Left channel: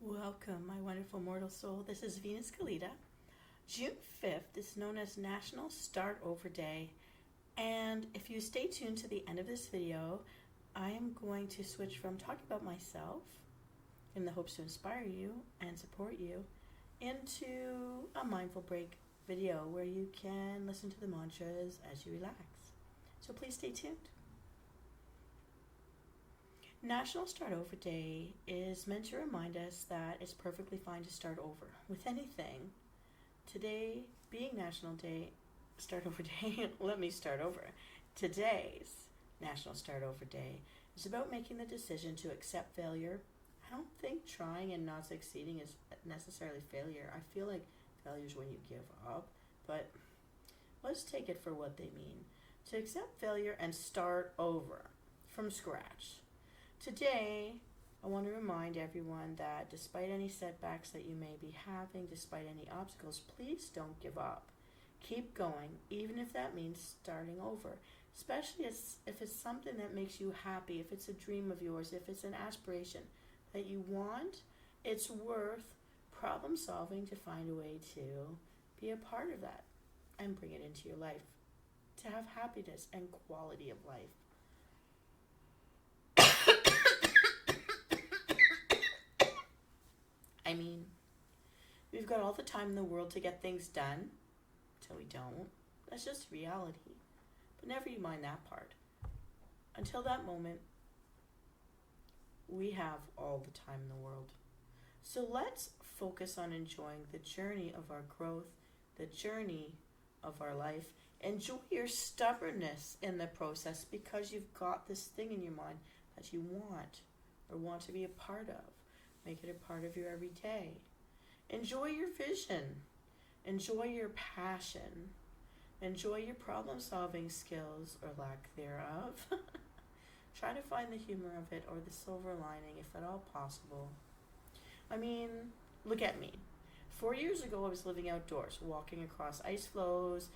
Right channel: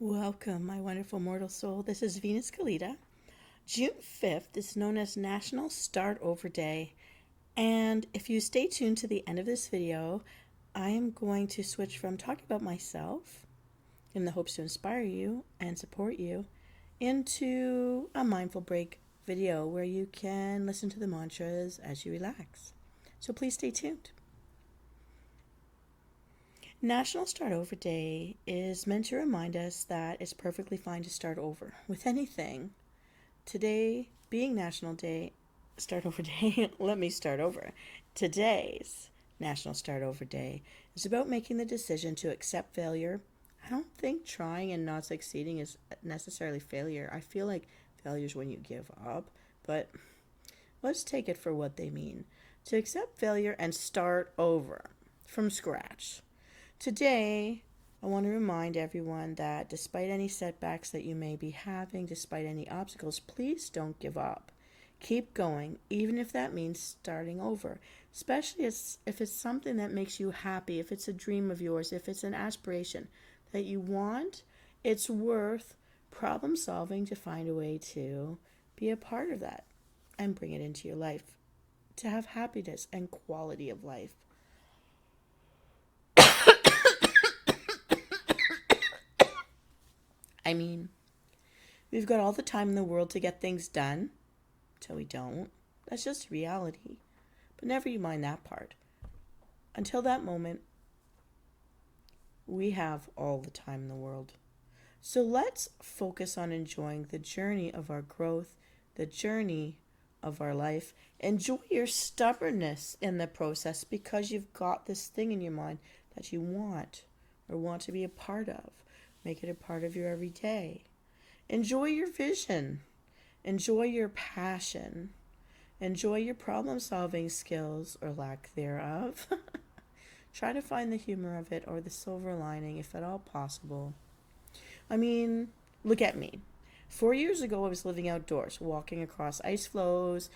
Welcome, my wonderful mortal soul. This is Venus Callida. June 5th is known as National Start Over Day. And if you stay tuned to the end of this video, I am going to switch from talking about myself in the hopes to inspire you and support you into a mindful break video where you can listen to the mantras as you relax. So please stay tuned. National Start Over Day is meant to remind us that it's perfectly fine to start over with anything. Today, being National Day, Start Over Day, let me start over. Today's National Start Over Day is about making the decision to accept failure. I don't think trying and not succeeding is necessarily failure. I feel like failure is when you give up, but let's take it for what they mean. To accept failure and start over from scratch. Today, I want to remind everyone that despite any setbacks that you may be having, despite any obstacles, please don't give up. Keep going, even if that means starting over, especially if it's something that makes you happy, if it's a dream of yours, if it's an aspiration that you want. It's worth problem solving to find a way to be a part of that and bring it into your life, to have happiness and quality of life. I mean, we've got all the time in the world to get things done till we don't. That's just reality. But never you mind that part. Until that moment, we have all the time in the world. So let's focus on enjoying the journey of our growth, the journey of our life. Enjoy your stubbornness in the process because you've got this thing in your mind that you want or want to be a part of. Make it a part of your everyday. Enjoy your vision. Enjoy your passion. Enjoy your problem solving skills or lack thereof. Try to find the humor of it or the silver lining if at all possible. I mean, look at me. 4 years ago, I was living outdoors, walking across ice floes,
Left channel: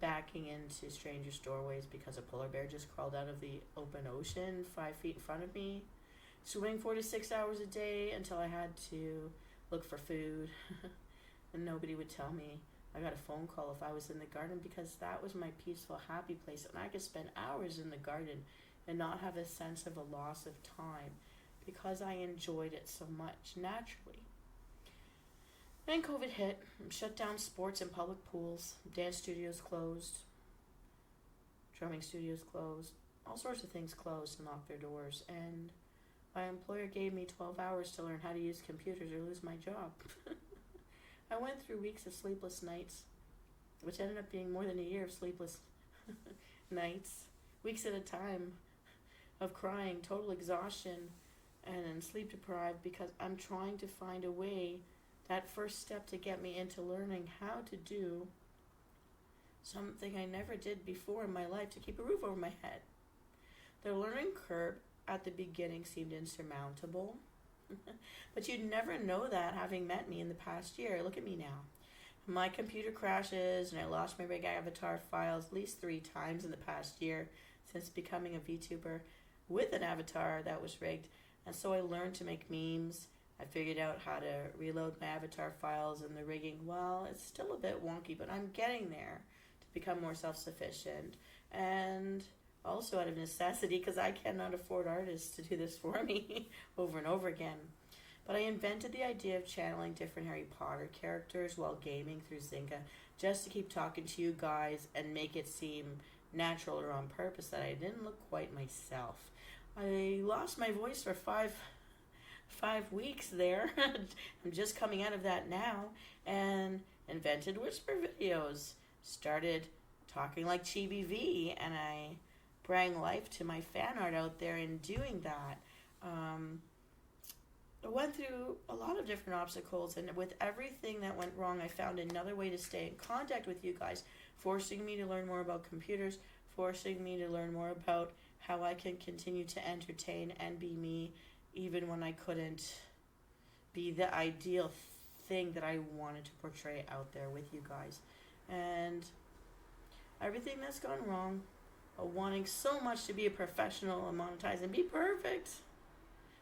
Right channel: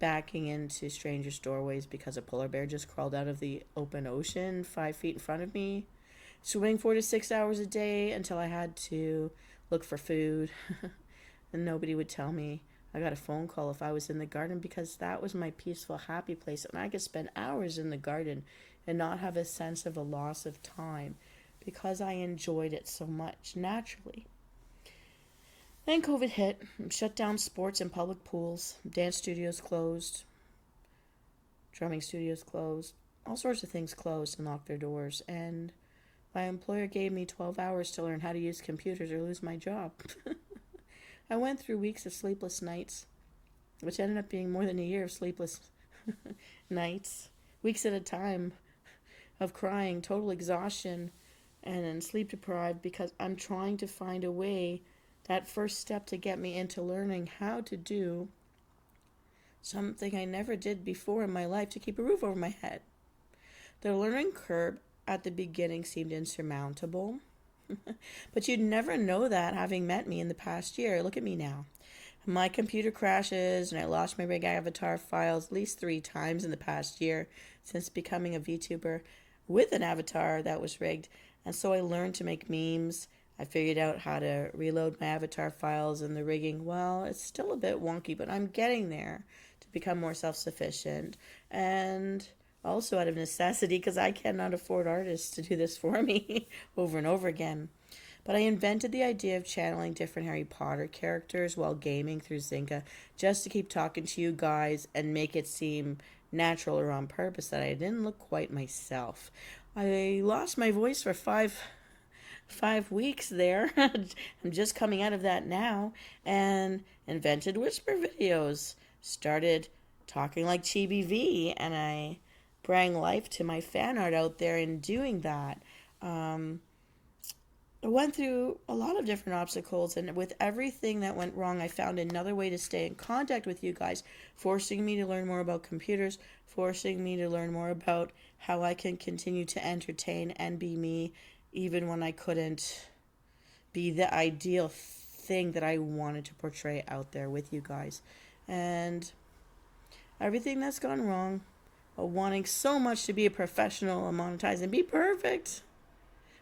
backing into strangers' doorways because a polar bear just crawled out of the open ocean 5 feet in front of me. Swimming 4 to 6 hours a day until I had to look for food. And nobody would tell me. I got a phone call if I was in the garden because that was my peaceful, happy place. And I could spend hours in the garden and not have a sense of a loss of time because I enjoyed it so much naturally. Then COVID hit, shut down sports and public pools, dance studios closed, drumming studios closed, all sorts of things closed and locked their doors. And my employer gave me 12 hours to learn how to use computers or lose my job. I went through weeks of sleepless nights, which ended up being more than a year of sleepless nights, weeks at a time of crying, total exhaustion, and then sleep deprived because I'm trying to find a way, that first step to get me into learning how to do something I never did before in my life to keep a roof over my head. The learning curve at the beginning seemed insurmountable. But you'd never know that having met me in the past year. Look at me now. My computer crashes and I lost my rig avatar files at least 3 times in the past year since becoming a VTuber with an avatar that was rigged. And so I learned to make memes. I figured out how to reload my avatar files and the rigging. Well, it's still a bit wonky, but I'm getting there to become more self-sufficient. And also out of necessity because I cannot afford artists to do this for me over and over again. But I invented the idea of channeling different Harry Potter characters while gaming through Zynga just to keep talking to you guys and make it seem natural or on purpose that I didn't look quite myself. I lost my voice for five weeks there. I'm just coming out of that now and invented whisper videos. Started talking like Chibi V and I bring life to my fan art out there in doing that. I went through a lot of different obstacles, and with everything that went wrong, I found another way to stay in contact with you guys, forcing me to learn more about computers, forcing me to learn more about how I can continue to entertain and be me, even when I couldn't be the ideal thing that I wanted to portray out there with you guys. And everything that's gone wrong, wanting so much to be a professional and monetize and be perfect.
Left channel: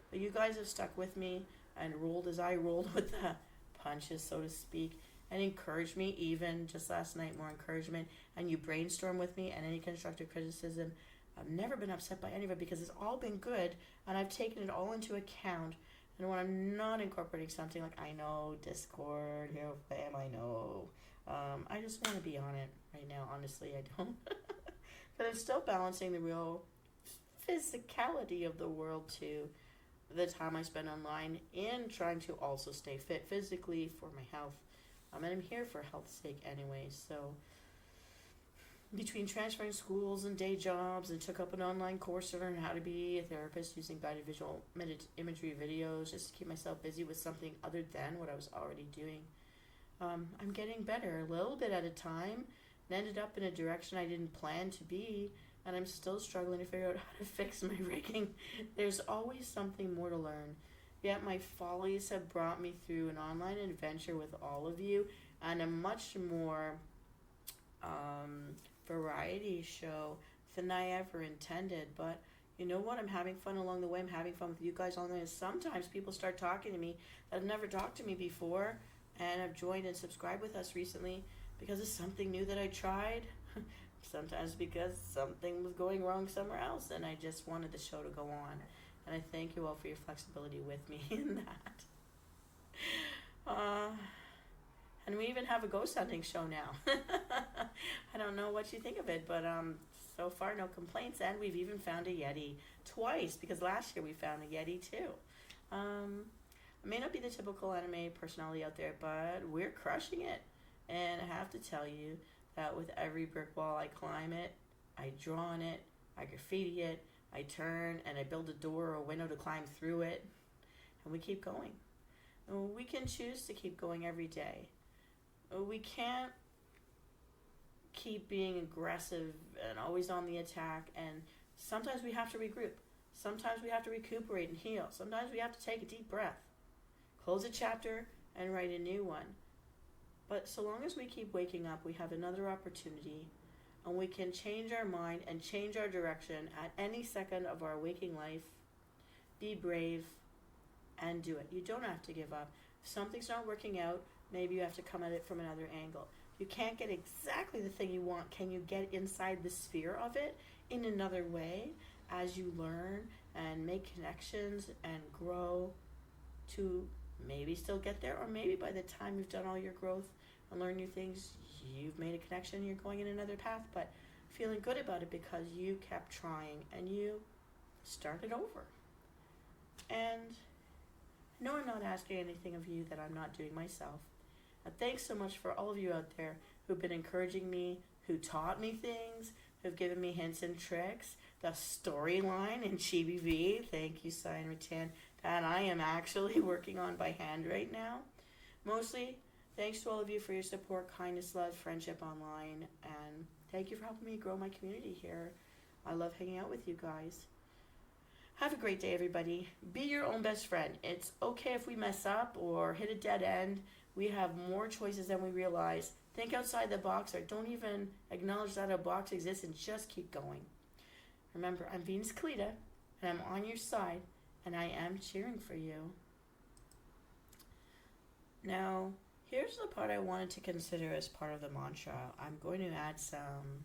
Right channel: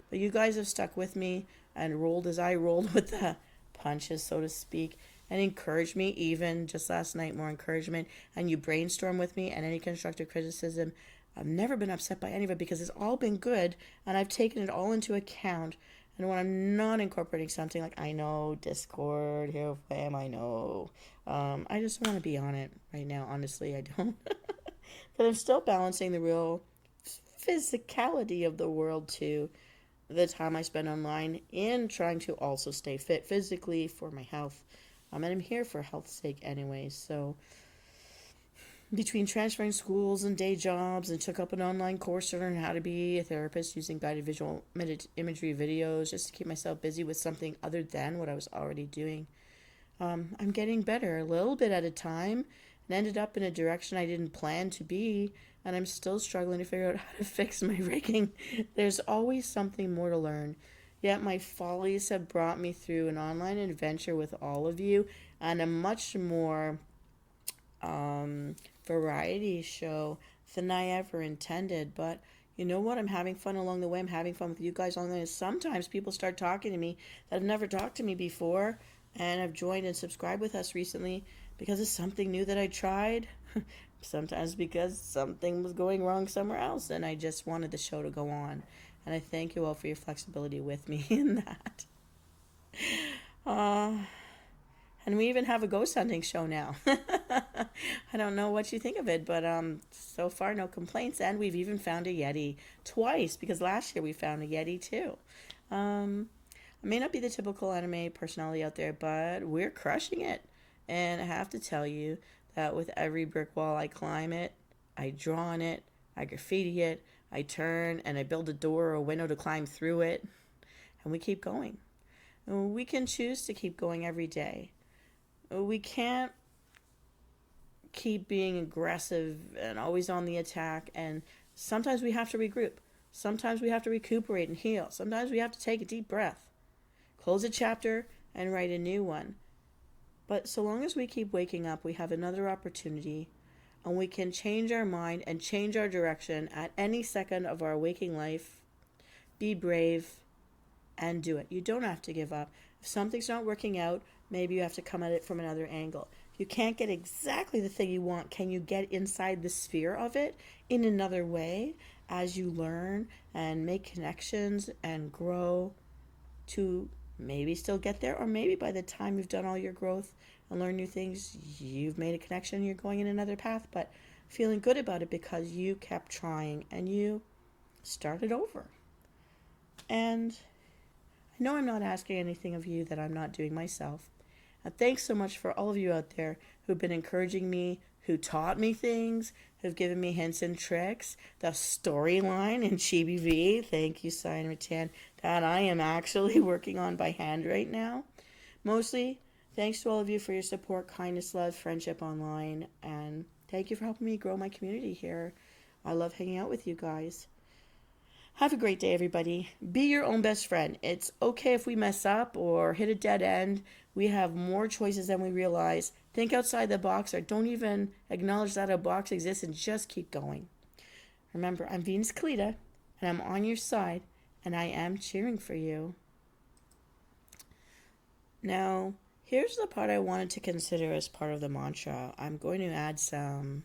But you guys have stuck with me. and rolled as I rolled with the punches, so to speak, and encouraged me, even just last night, more encouragement. And you brainstorm with me, and any constructive criticism. I've never been upset by any of it because it's all been good, and I've taken it all into account. And when I'm not incorporating something like, I know, Discord, here, fam, I know. I just want to be on it right now. Honestly, I don't. But I'm still balancing the real physicality of the world to the time I spend online in trying to also stay fit physically for my health. And I'm here for health's sake anyway. So between transferring schools and day jobs, and took up an online course to learn how to be a therapist using guided visual imagery videos just to keep myself busy with something other than what I was already doing. I'm getting better a little bit at a time, and ended up in a direction I didn't plan to be, and I'm still struggling to figure out how to fix my rigging. There's always something more to learn. Yet my follies have brought me through an online adventure with all of you, and a much more variety show than I ever intended. But you know what? I'm having fun along the way. I'm having fun with you guys along the way. Sometimes people start talking to me that have never talked to me before and have joined and subscribed with us recently because it's something new that I tried. Sometimes because something was going wrong somewhere else and I just wanted the show to go on. And I thank you all for your flexibility with me in that. And we even have a ghost hunting show now. I don't know what you think of it, but so far no complaints. And we've even found a Yeti twice, because last year we found a Yeti too. I may not be the typical anime personality out there, but we're crushing it. And I have to tell you that with every brick wall I climb it, I draw on it, I graffiti it, I turn, and I build a door or a window to climb through it. And we keep going. We can choose to keep going every day. We can't keep being aggressive and always on the attack, and sometimes we have to regroup. Sometimes we have to recuperate and heal. Sometimes we have to take a deep breath, close a chapter, and write a new one. But so long as we keep waking up, we have another opportunity, and we can change our mind and change our direction at any second of our waking life. Be brave and do it. You don't have to give up. If something's not working out, maybe you have to come at it from another angle. If you can't get exactly the thing you want, can you get inside the sphere of it in another way as you learn and make connections and grow to maybe still get there? Or maybe by the time you've done all your growth and learned new things, you've made a connection, you're going in another path, but feeling good about it because you kept trying and you started over. And I know I'm not asking anything of you that I'm not doing myself. And thanks so much for all of you out there who've been encouraging me, who taught me things, who've given me hints and tricks. The storyline in Chibi V, thank you, Cyan Ratan, that I am actually working on by hand right now. Mostly, thanks to all of you for your support, kindness, love, friendship online, and thank you for helping me grow my community here. I love hanging out with you guys. Have a great day, everybody. Be your own best friend. It's okay if we mess up or hit a dead end. We have more choices than we realize. Think outside the box, or don't even acknowledge that a box exists, and just keep going. Remember, I'm Venus Callida, and I'm on your side, and I am cheering for you. Now, here's the part I wanted to consider as part of the mantra. I'm going to add some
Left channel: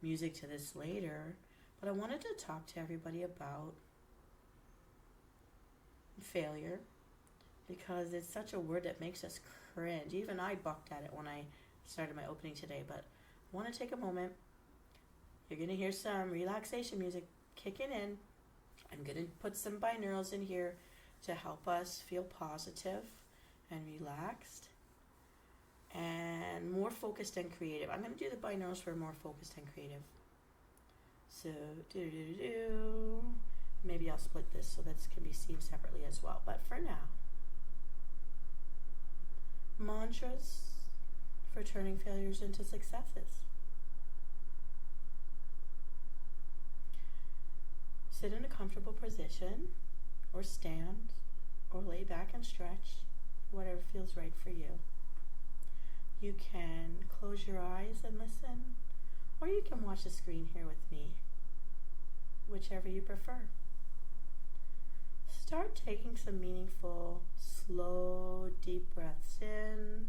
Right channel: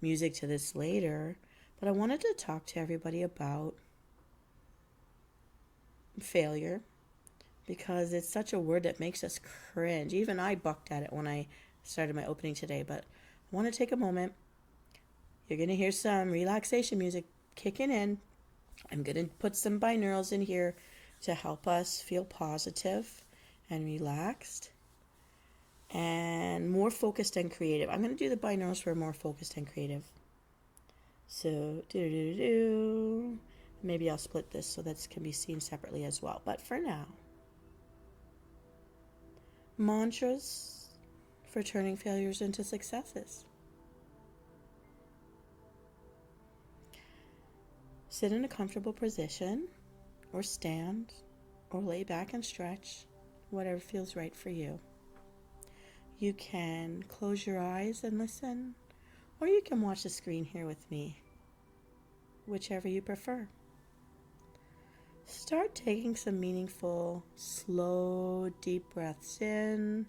music to this later, but I wanted to talk to everybody about failure, because it's such a word that makes us cringe. Even I bucked at it when I started my opening today, but I want to take a moment. You're going to hear some relaxation music kicking in. I'm going to put some binaurals in here to help us feel positive and relaxed and more focused and creative. I'm going to do the binaurals for more focused and creative. So, maybe I'll split this so that it can be seen separately as well. But for now, mantras for turning failures into successes. Sit in a comfortable position, or stand, or lay back and stretch, whatever feels right for you. You can close your eyes and listen, or you can watch the screen here with me, whichever you prefer. Start taking some meaningful, slow, deep breaths in,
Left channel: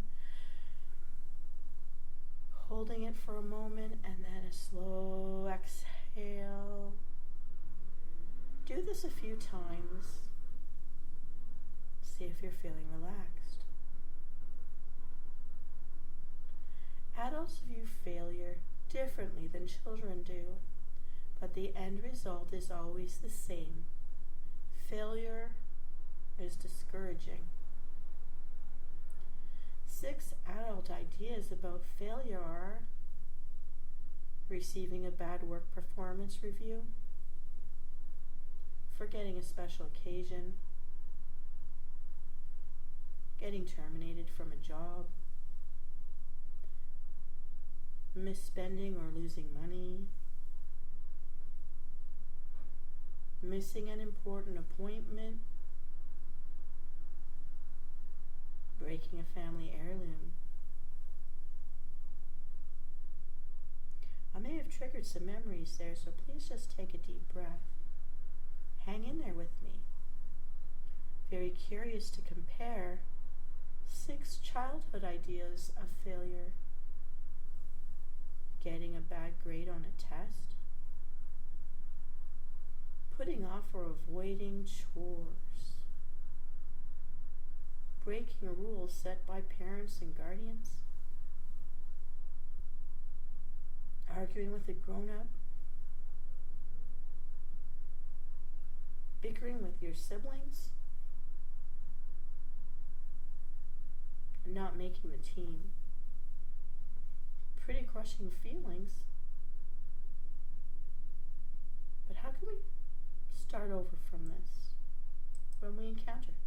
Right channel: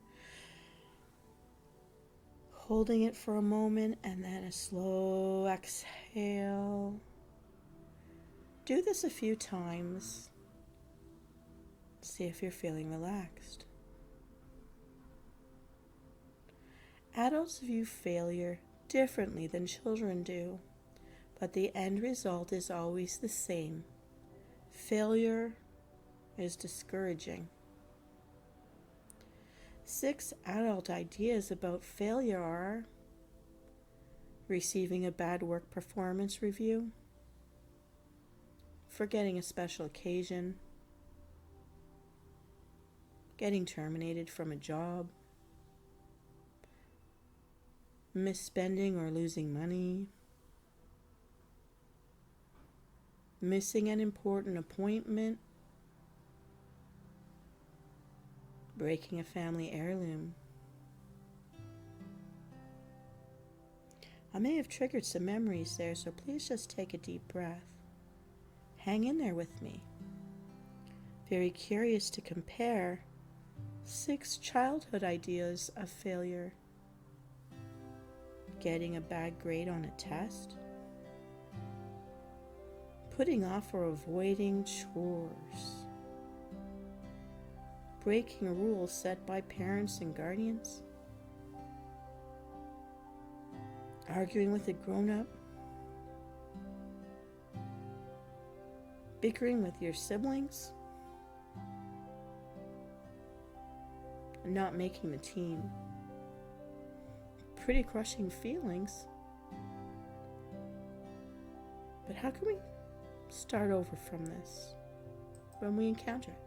holding it for a moment, and then a slow exhale. Do this a few times. See if you're feeling relaxed. Adults view failure differently than children do, but the end result is always the same. Failure is discouraging. 6 adult ideas about failure are: receiving a bad work performance review, forgetting a special occasion, getting terminated from a job, misspending or losing money, missing an important appointment, breaking a family heirloom. I may have triggered some memories there, so please just take a deep breath. Hang in there with me. Very curious to compare 6 childhood ideas of failure. Getting a bad grade on a test, putting off or avoiding chores, breaking rules set by parents and guardians, arguing with a grown-up, bickering with your siblings, not making the team. Pretty crushing feelings. But how can we start over from this when we encounter it?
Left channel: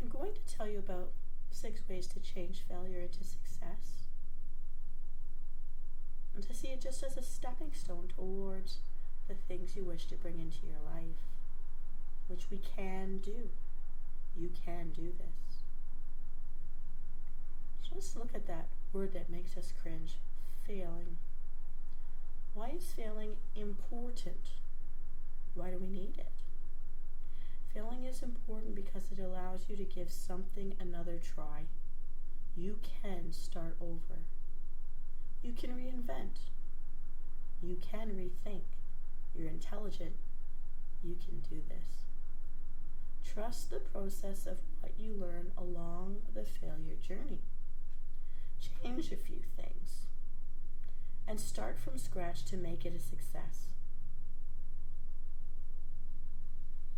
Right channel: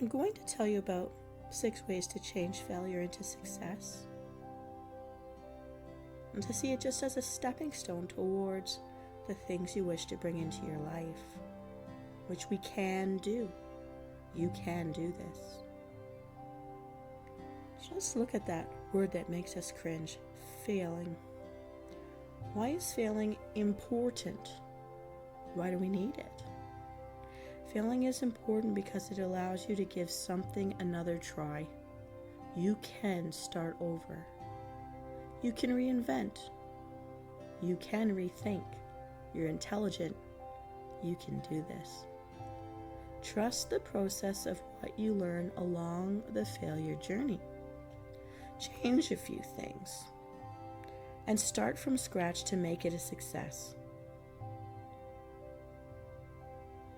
I'm going to tell you about 6 ways to change failure into success, and to see it just as a stepping stone towards the things you wish to bring into your life, which we can do. You can do this. Just look at that word that makes us cringe, failing. Why is failing important? Why do we need it? Failing is important because it allows you to give something another try. You can start over. You can reinvent. You can rethink. You're intelligent. You can do this. Trust the process of what you learn along the failure journey. Change a few things and start from scratch to make it a success.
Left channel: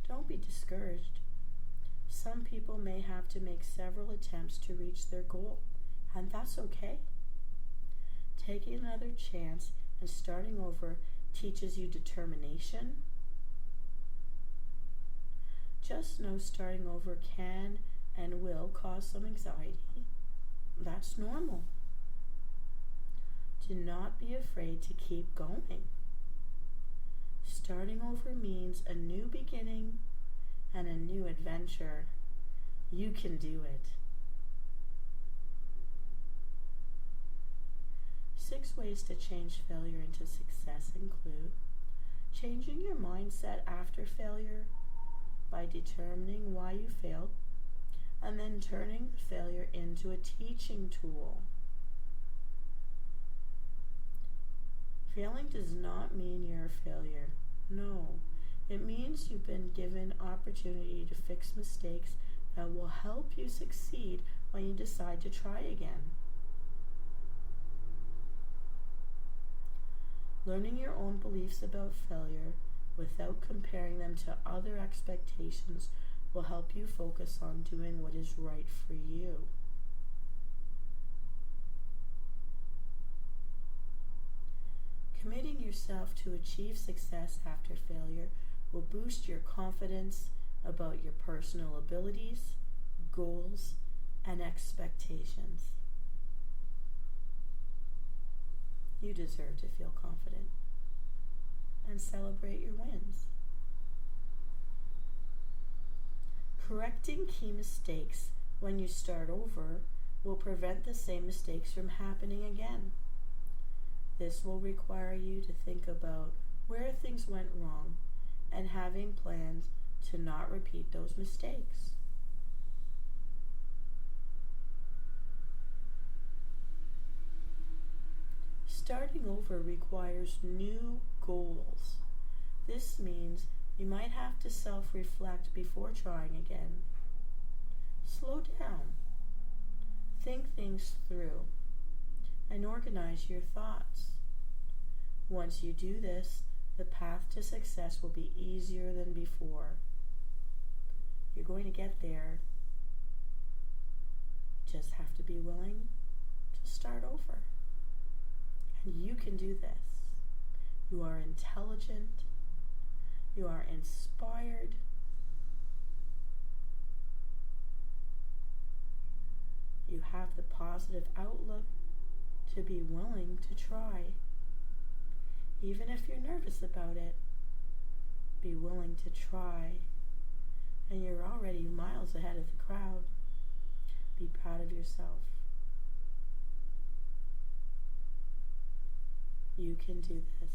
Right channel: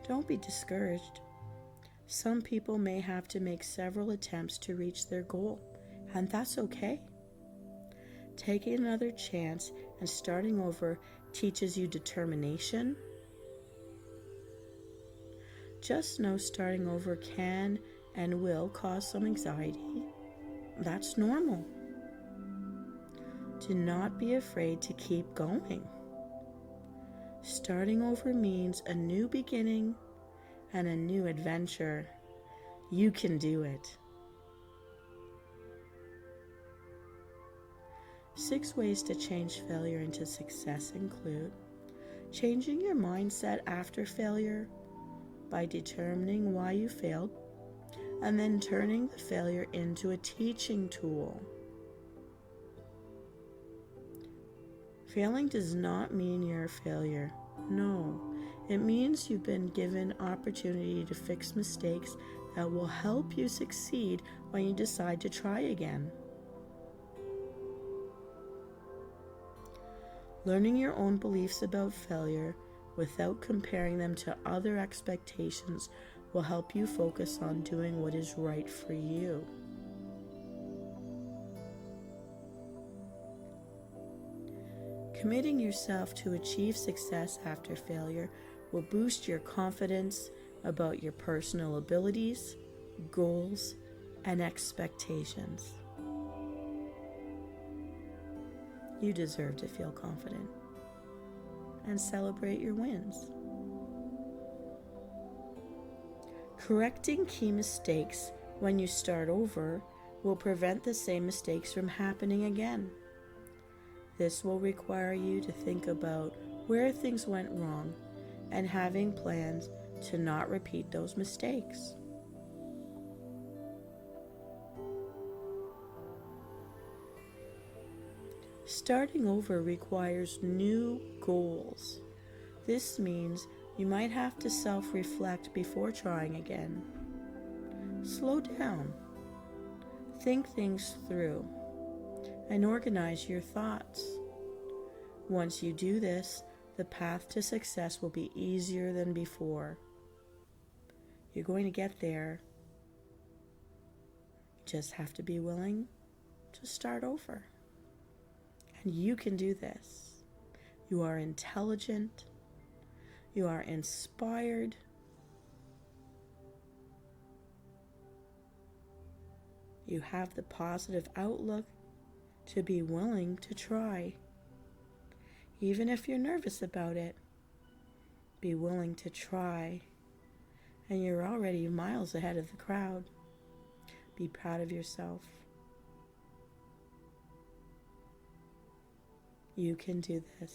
Don't be discouraged. Some people may have to make several attempts to reach their goal, and that's okay. Taking another chance and starting over teaches you determination. Just know starting over can and will cause some anxiety. That's normal. Do not be afraid to keep going. Starting over means a new beginning and a new adventure. You can do it. 6 ways to change failure into success include changing your mindset after failure by determining why you failed, and then turning the failure into a teaching tool. Failing does not mean you're a failure. No, it means you've been given opportunity to fix mistakes that will help you succeed when you decide to try again. Learning your own beliefs about failure without comparing them to other expectations will help you focus on doing what is right for you. Committing yourself to achieve success after failure will boost your confidence about your personal abilities, goals, and expectations. You deserve to feel confident and celebrate your wins. Correcting key mistakes when you start over will prevent the same mistakes from happening again. This will require you to think about where things went wrong and having plans to not repeat those mistakes. Starting over requires new goals. This means you might have to self-reflect before trying again. Slow down. Think things through and organize your thoughts. Once you do this, the path to success will be easier than before. You're going to get there. You just have to be willing to start over. And you can do this. You are intelligent. You are inspired. You have the positive outlook to be willing to try. Even if you're nervous about it, be willing to try. And you're already miles ahead of the crowd. Be proud of yourself. You can do this.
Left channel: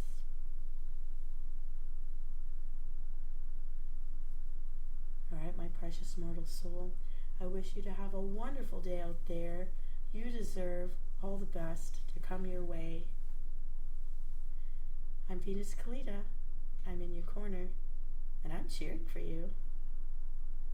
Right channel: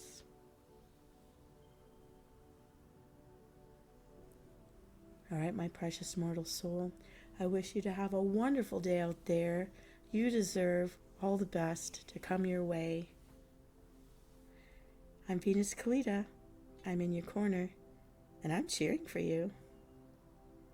All right, my precious mortal soul, I wish you to have a wonderful day out there. You deserve all the best to come your way. I'm Venus Callida. I'm in your corner, and I'm cheering for you.